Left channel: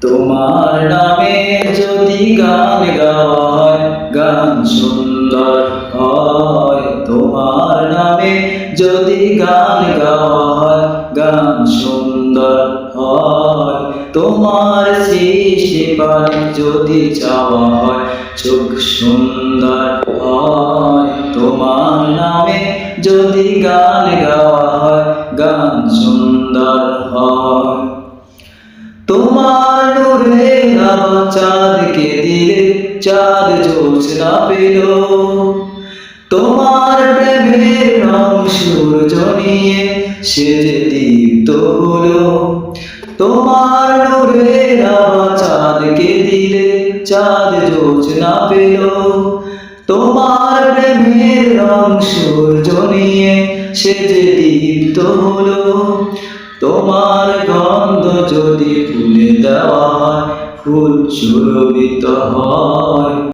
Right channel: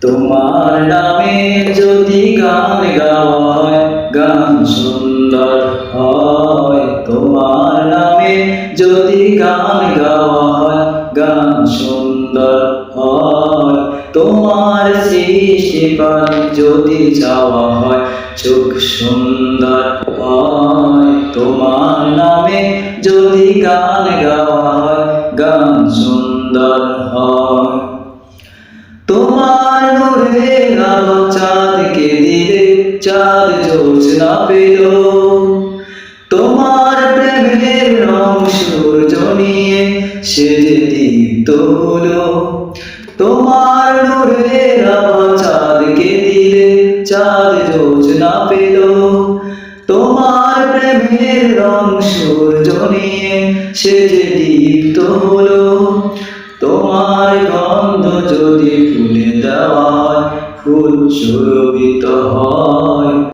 তোমার নামে যদি গান গাওয়া হয়, গান সুন্দর হয়। তোমার নামে যদি গান গাওয়া হয়, গান সুন্দর হয়। তোমার সৃষ্টি পানে যদি চাওয়া হয়, চোখ সুন্দর হয়। তোমার নামে যদি গান গাওয়া হয়, গান সুন্দর হয়। তোমার নূরের আলো চাঁদকে দিলে, চাঁদ জোছনা পেল। তোমার প্রেমের রং সূর্য নিয়ে সেজে দীপ্ত হলো। তোমার নূরের আলো চাঁদকে দিলে, চাঁদ জোছনা পেল। তোমার প্রেমের রং সূর্য নিয়ে সেজে দীপ্ত হলো। তোমার গন্ধ যদি ফুলে দেওয়া হয়, ফুল সুরভিত হয়।